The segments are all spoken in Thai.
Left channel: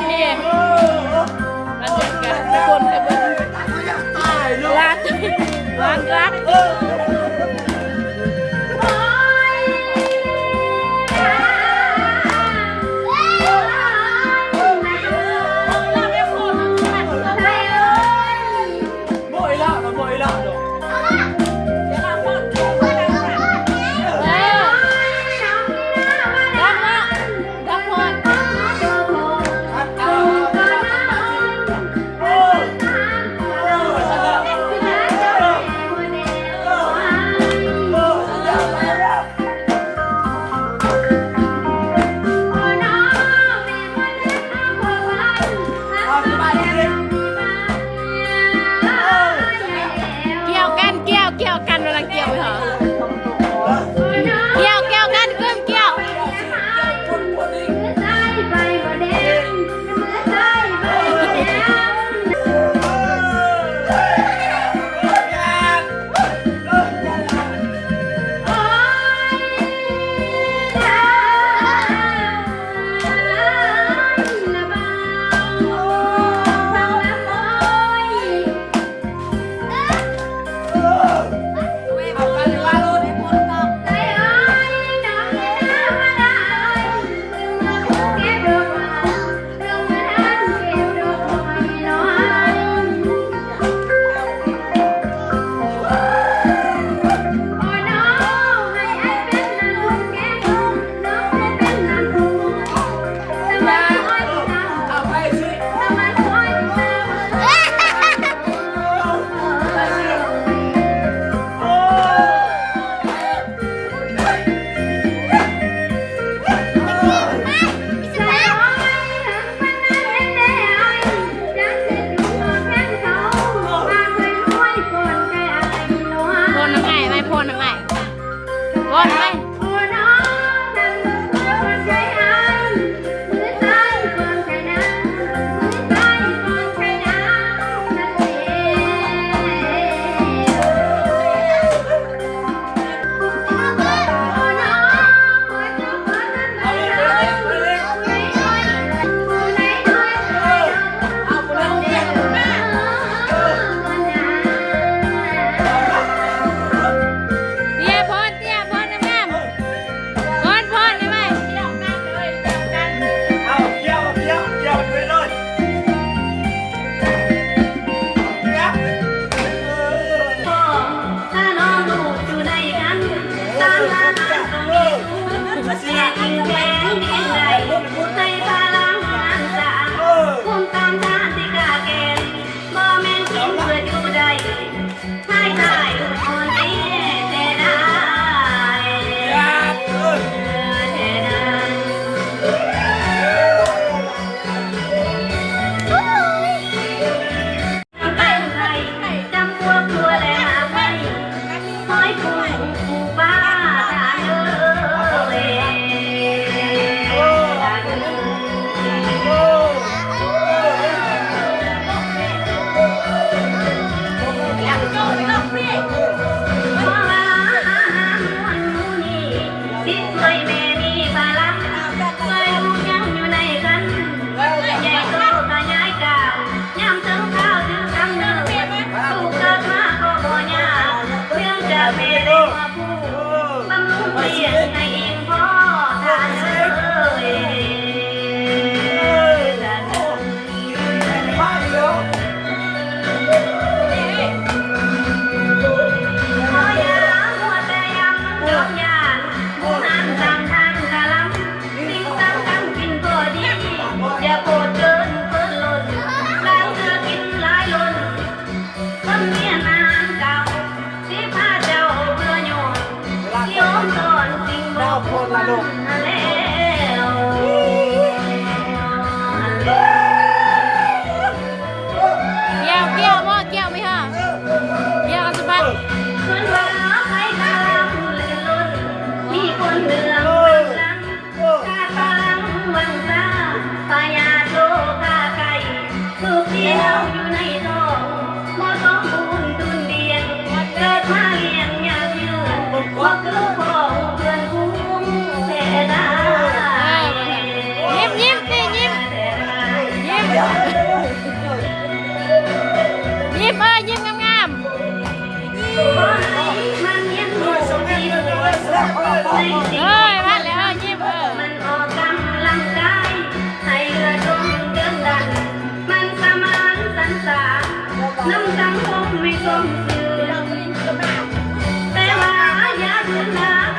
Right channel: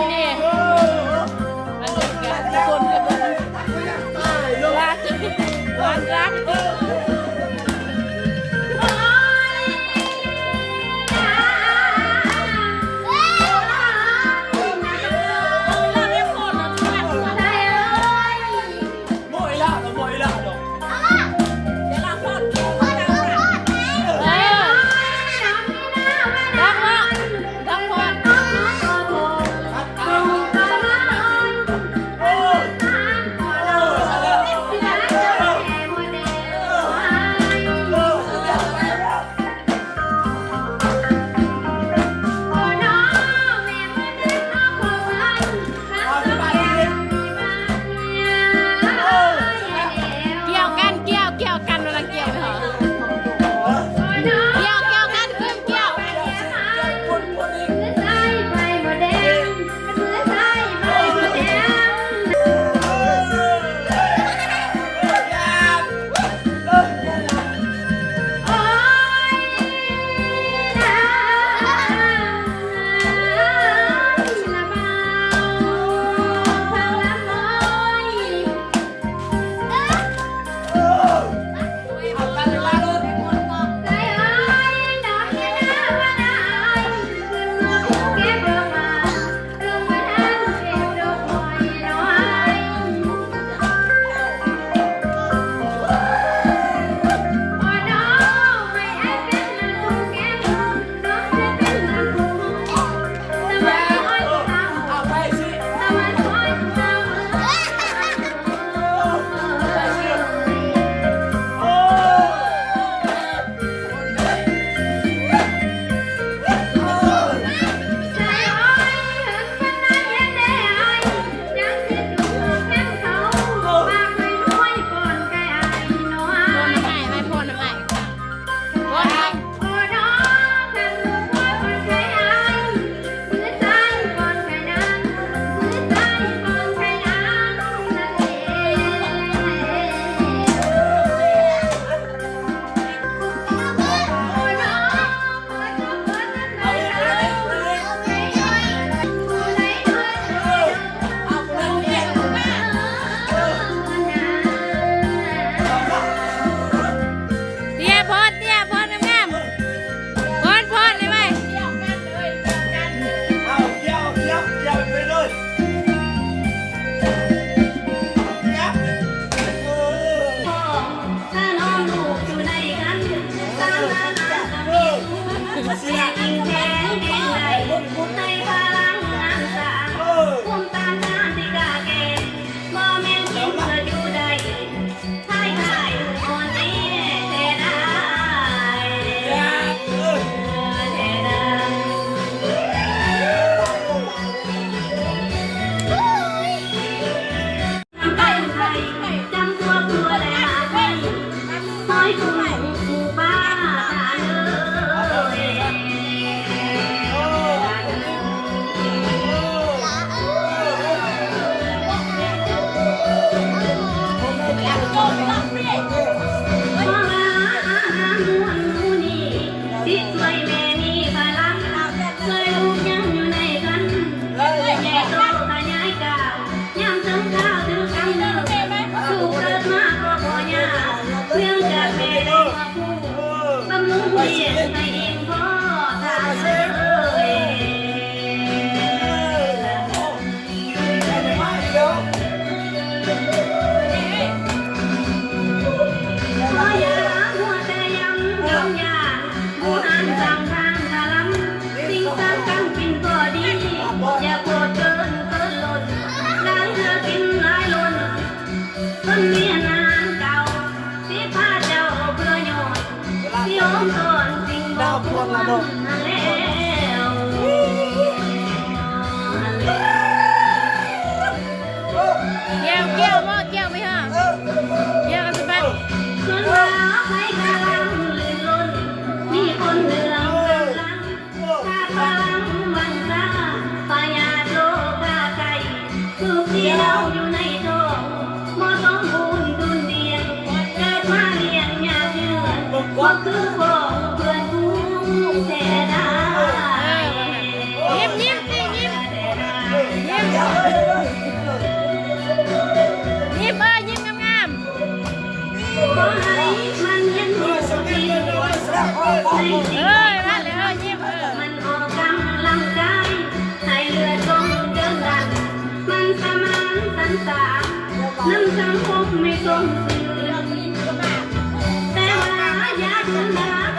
你。 ไม่ต้องสือแต่ว่าอยากชนะ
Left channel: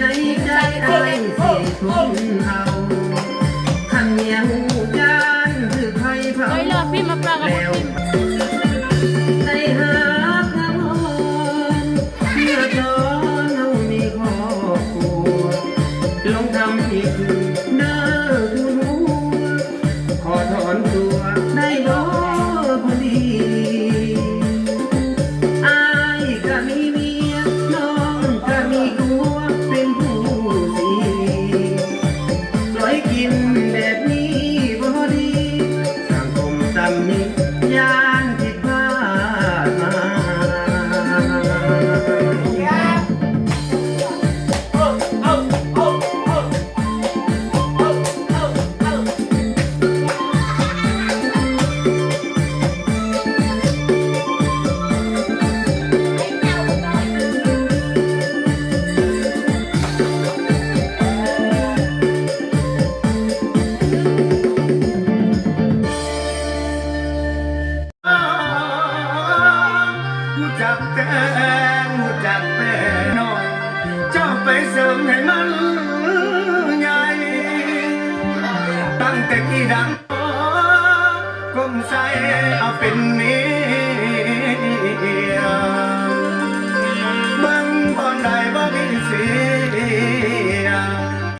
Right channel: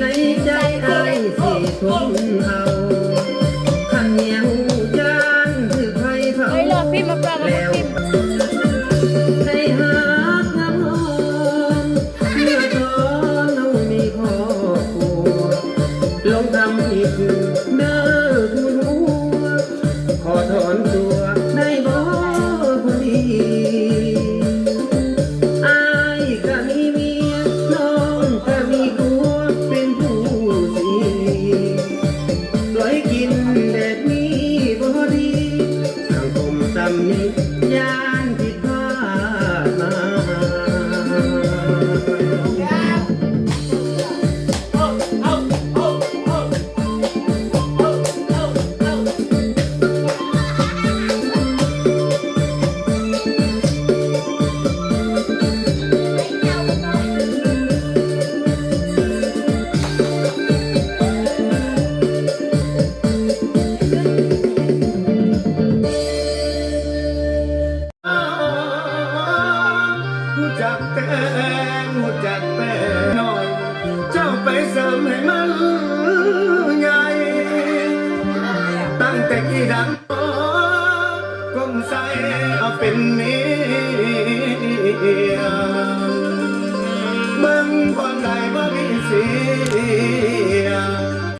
ในใจไอ้สิทุ่มเอา จักแต่หูจักแต่น้อย เจ้าไปเสริมให้มันใหญ่ ตั้งแต่กี่ดังก้มใส่เอาเป็นเมียเบิ่งบ่ได้บ่มีเสีย